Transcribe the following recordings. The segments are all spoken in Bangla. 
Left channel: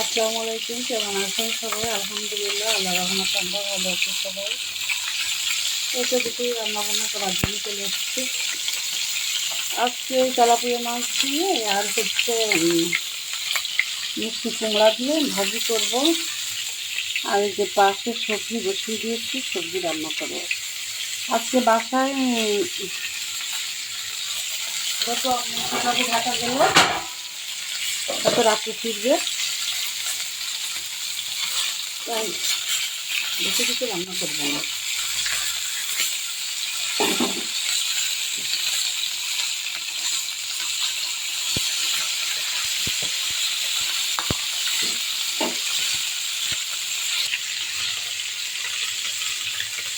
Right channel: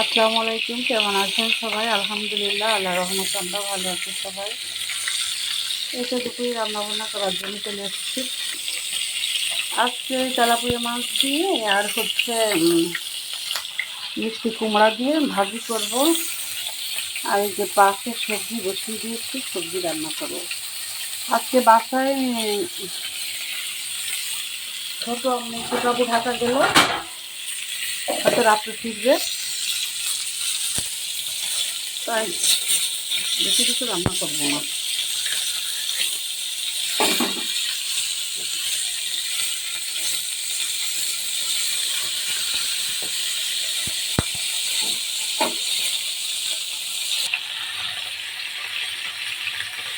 আসসালামু আলাইকুম। কেমন আছেন সবাই? আলহামদুলিল্লাহ, আল্লাহর রহমতে আমরা ভালো আছি সবাই। এতে দুটোই রান্নাবান্না করার জন্য চলে এসেছি। আজকে ওই তেলাপিয়া মাছ দিয়ে আর মিষ্টি কুমড়া দিয়ে ভাজি করব। আর এই যে পাশে সবজি বসিয়ে দিয়েছি, সবজি রান্না করবো। আজকে বাসায় ছোটো ঢাকা গেল, হয়তো রাত্রে ফিরবে, তাই বেশি কিছু রান্না করবো না।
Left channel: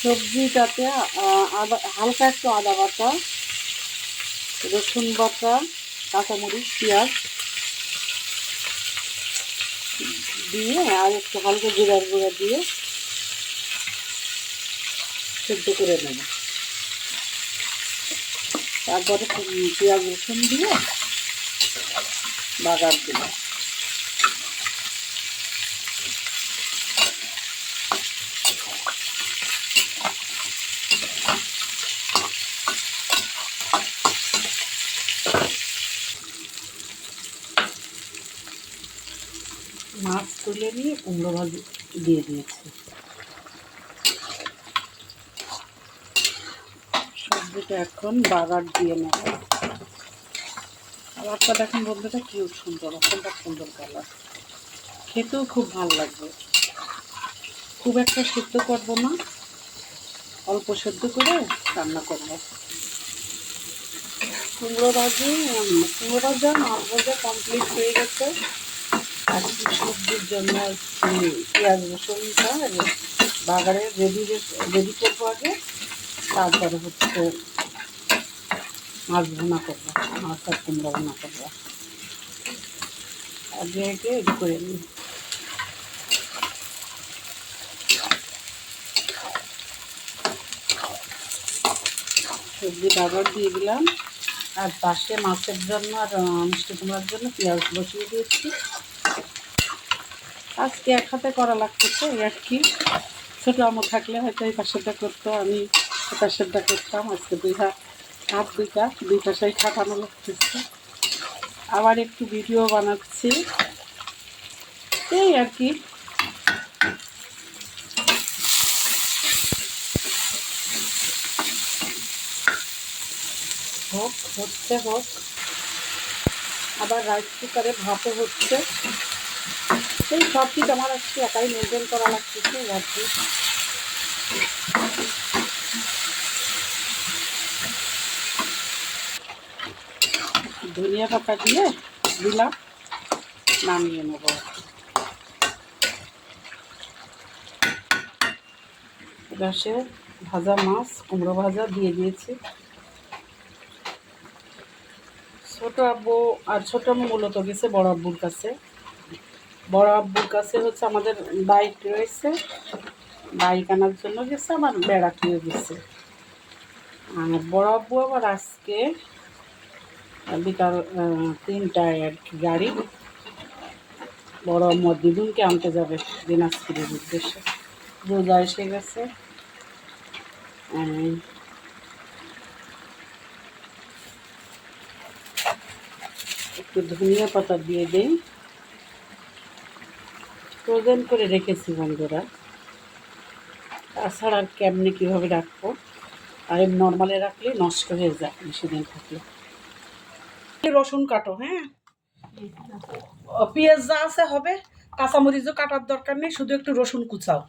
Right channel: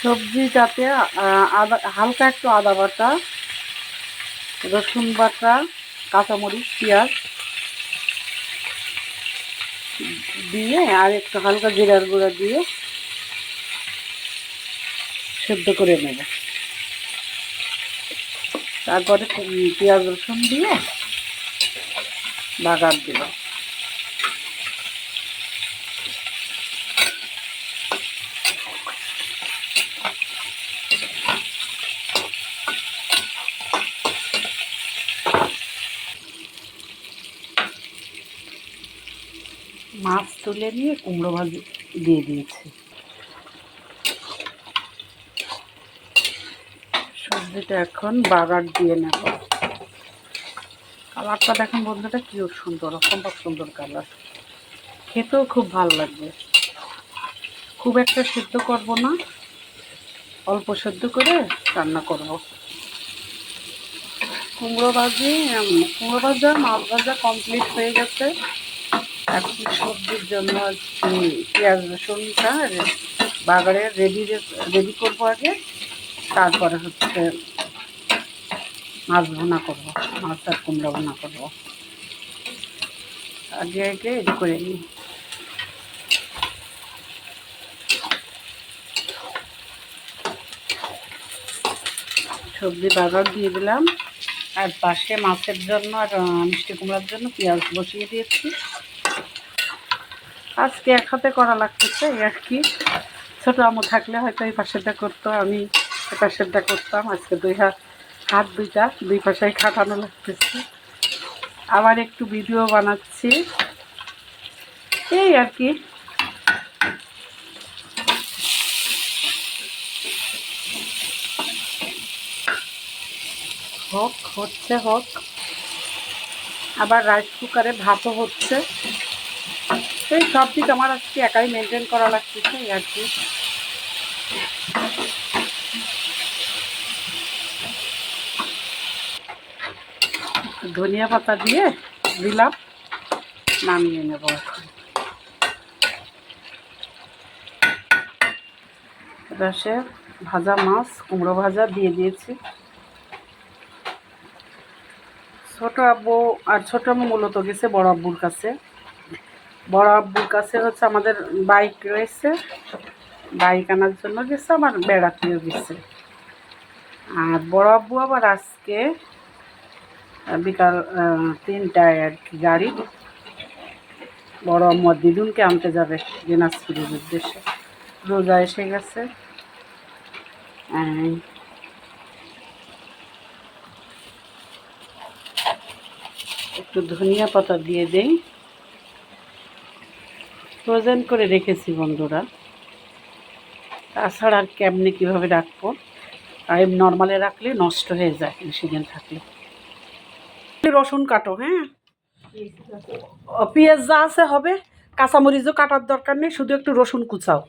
সবজিটাতে আদা, হালকা একটু আদা বাটা, রসুন বাটা, কাঁচামরিচ, পেঁয়াজ দিয়ে আর একটু হালকা জিরার গুঁড়া দিয়ে সেদ্ধ করে নেব। তারপরে পেঁয়াজ রসুন দিয়ে বাগার দেব। মাছ তুলে নিয়ে কুমড়ো ভাজি দিয়ে দিয়েছি। সবজিটা এখন বাগার দিয়ে নেব। কালারটা দেখুন বন্ধুটা, কি সুন্দর, অসম্ভব সুন্দর কালার। খেতেও খুব ভালো লাগবে। খুব একটা সিদ্ধ করব না, অল্প সেদ্ধ করে রান্না করব। কুমড়ো ভাজা মাছ ভাজা কমপ্লিট হয়ে গেছে। এখন সবজির জন্য পেঁয়াজ রসুনটা বাগারে রেডি করবো আগে, তারপরে মাছ ভুনা করবো, মাছ আর কুমড়ো ভুনা করবো। আগে রেডি করে নিই। সবজি বাগার দিয়ে দিলাম, আর পাশে মাছের জন্য আর মিষ্টি কুমড়ার জন্য পেঁয়াজ বসিয়ে দিয়েছি। আজকে এক হাতে করা লাগতেছে, এই আর কি। ছোটো আমু থাকলে হয়তো এই পাশেরটা করতো, আমি এই পাশেরটা করতাম। আজকে হাত দুই পাশেই খাটানো লাগতেছে। আবার একটু ভিডিও বানাচ্ছি, এই আর কি। হোক। আবার রাইস কুকারে ভাতও হচ্ছে। এই সব দিক আমার আজকে একাই মেনটেন করা লাগতেছে, এই আর কি। ধনিয়া পাতা দিয়ে দিলাম, নামিয়ে নেব। রসে ভাজা মাছ, কুমড়ো ভাজা দিয়ে দিয়েছি। ছোটো আব্বু মূলত গেছে বড় আব্বুর কাছে। আমাদের বাইক রয়েছে, বাইক আনার জন্য গেছে, আমার বেড়াতেও গেছে। আর বড় আব্বু আবার আজকে বিকাল 3টায় আর কি গাড়ি বড় আম্মু দিদুনকে আনতে যাবে দিনাজপুরের উদ্দেশ্যে। রোজা এসে গেছে। একটু ধনিয়া পাতা দিয়ে দেই। ফ্রোজেন করে রেখেছি বন্ধুরা, তাছাড়া আর কেমনে কীভাবে রাখবো। আর নর্মালে রাখলে নষ্ট হয়ে যায় বেশি দিন থাকলে। রসুন কাটো, হ্যাঁ, পেঁয়াজ যা আছে হবে, কাঁচামরিচও কাটার দরকার নেই, শুধু একটু রসুন কুচাও।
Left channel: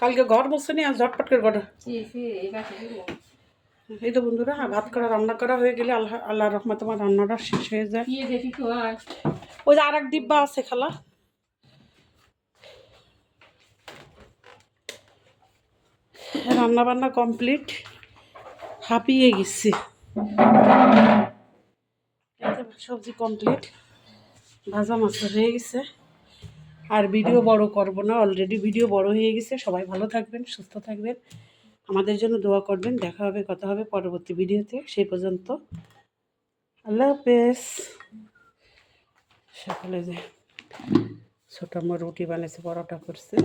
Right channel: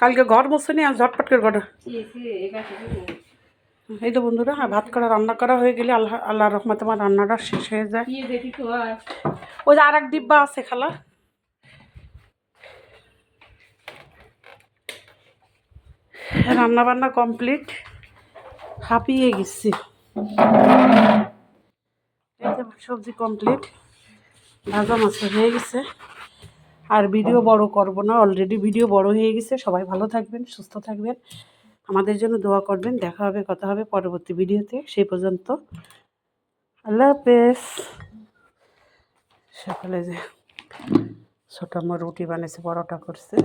কালকে ঘর মোছেনি, আর ঝটপট করে ঘর। এই তো বন্ধুরা, ভাত করা রান্না করা হয়ে গেলে আল্লাহ রহমতে আমার রান্নাটা শেষ হয়ে যায়। ওই যে আর এক ডিব্বা আছে খালা। রান্না বান্না কমপ্লিট, হাঁপিয়ে গেছি। সবজি কমপ্লিট, ভাজা মাছ হয়ে গেছে। আর ভিডিও বড় করব না, অলরেডি ভিডিও বড় হয়ে গেছে। সবাই ভালো থাকবেন, সুস্থ থাকবেন, আমাদের জন্য দোয়া করবেন। দেখা হবে, কথা হবে পরবর্তী ভিডিওতে। সেই পর্যন্ত আল্লাহ হাফেজ। সকালে যে ছোটো আমার রুটি বানিয়েছে, পরোটা করছে।